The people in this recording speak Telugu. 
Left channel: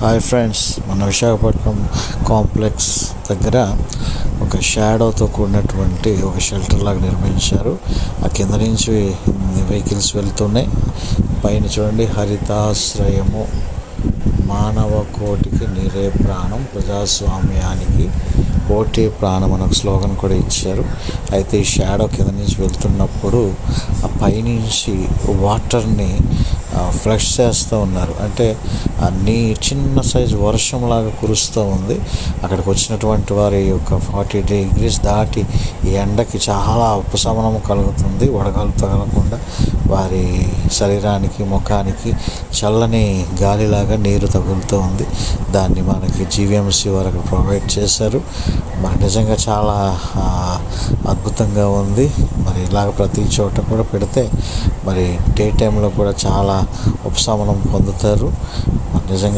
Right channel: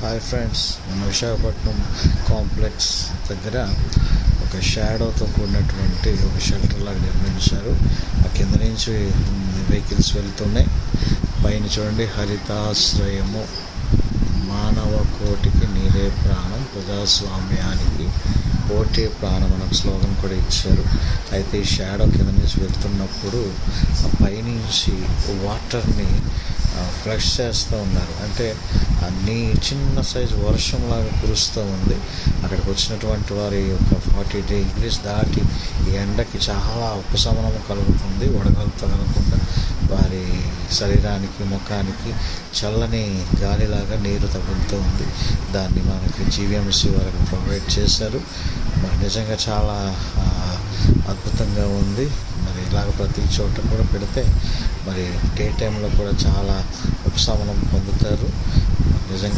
హాయ్ ఫ్రెండ్స్, మన విశాఖపట్నం కాంప్లెక్స్ దగ్గర ఒక షాడోతో కూడినటువంటి ఒక షెల్టర్ లాగా నిర్మించారు. ఆ కింద నుంచి వెహికల్స్ వెళ్తున్నాయి. పైన చూడండి, హరితాశ్రయము, మానవ కోటికి నీరే ప్రాణం, ప్రజాస్వామ్యానికి ఓటే ప్రాణం అనే ఒక స్లోగన్ కూడా ఇచ్చారు. అయితే ఈ షాడో కింద నుంచి వెళ్తున్నప్పుడు ఆ పైనుంచి వాటర్ని ఫ్లష్ చేస్తూ ఉన్నారు. అంటే అన్నీ చిన్న సైజు వర్షంలాగా కురుస్తూ ఉంది. అక్కడికి వచ్చినటువంటి వారి యొక్క 40 degrees దాటి ఈ ఎండకి చాలా ఉపశమనం కలుగుతుంది. వడగాలు తగలకుండా వారి శరీరానికి, ముఖానికి చల్లని గాలిలాగా నీరు తగులుతూ ఉంది. దాన్ని మనకి జీవీఎంసీ వరకు ప్రొవైడ్ చేశారు. మరి నిజంగా చాలా అద్భుతంగా ఉంది. మరి ఇలాగ ప్రతి చోట కూడా పెడితే మరి డే టైంలో కూడా చాలా ఉపశమనం పొందుతారు. నిజంగా